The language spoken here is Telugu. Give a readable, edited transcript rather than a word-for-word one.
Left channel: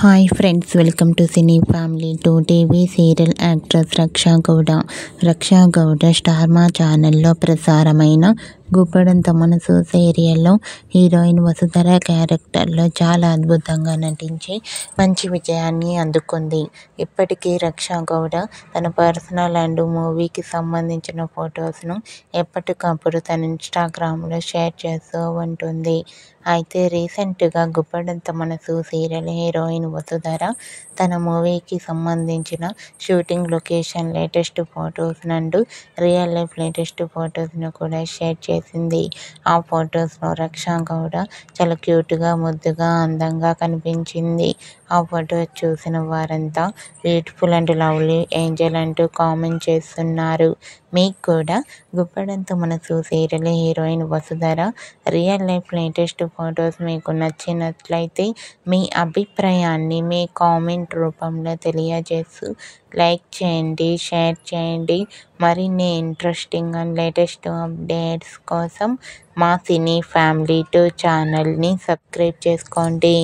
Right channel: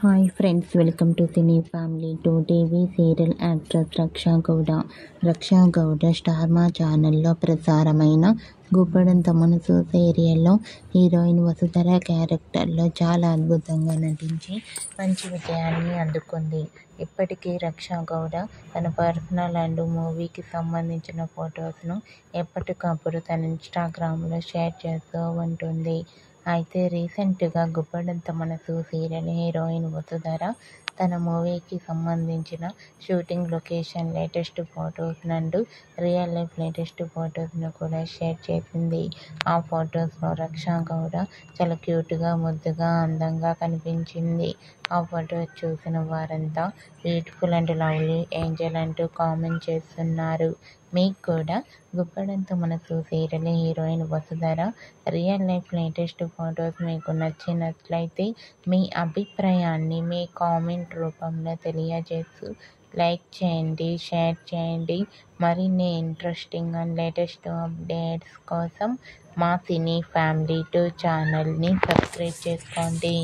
Hi friends, welcome to cine family. TV serial actress Raksha Gowda Star Maa ఛానల్లో ప్రసారమైన గుప్పడంత మనసు సీరియల్లో హీరోయిన్ వసుధర క్యారెక్టర్లో చాలా అద్భుతంగా నటించి మంచి విజయాన్ని అందుకుంది. ఇప్పటికీ రక్షా గౌడ తన పర్సనల్ అండ్ మూవీకి సంబంధించిన ఫొటోస్ను ఎప్పటికప్పుడు తన ఇన్స్టాగ్రామ్లో షేర్ చేస్తూ ఉంటుంది. అయితే రీసెంట్గా గుప్పడంత మనసు సీరియల్ హీరోయిన్ వసుధర తన మూవీకి సంబంధించిన shooting location latest photos and real life latest ఫొటోస్ను కూడా షేర్ చేసింది. ఆ ఫొటోస్లో రక్షా గౌడ చాలా క్యూట్గా, ముద్దుగా, అందంగా కనిపించింది. ఆ ఫొటోస్ చూసిన వారంతా బ్యూటిఫుల్ అండ్ లవ్లీ ఏంజల్ అంటూ కామెంట్ చేస్తున్నారు. మీకు కూడా గుప్పడంత మనసు serial heroine Vasudhara real life latest photos మీకు నచ్చినట్లయితే మీ అభిప్రాయాన్ని మీ కామెంట్ రూపంలో తెలియజేస్తూ లైక్ చేయండి, షేర్ చేయండి. మరిన్ని ఇంట్రెస్టింగ్ అండ్ లేటెస్ట్ అప్డేట్స్ కోసం మా సినీ ఫ్యామిలీ ఛానల్ని సబ్స్క్రైబ్ చేసుకోండి.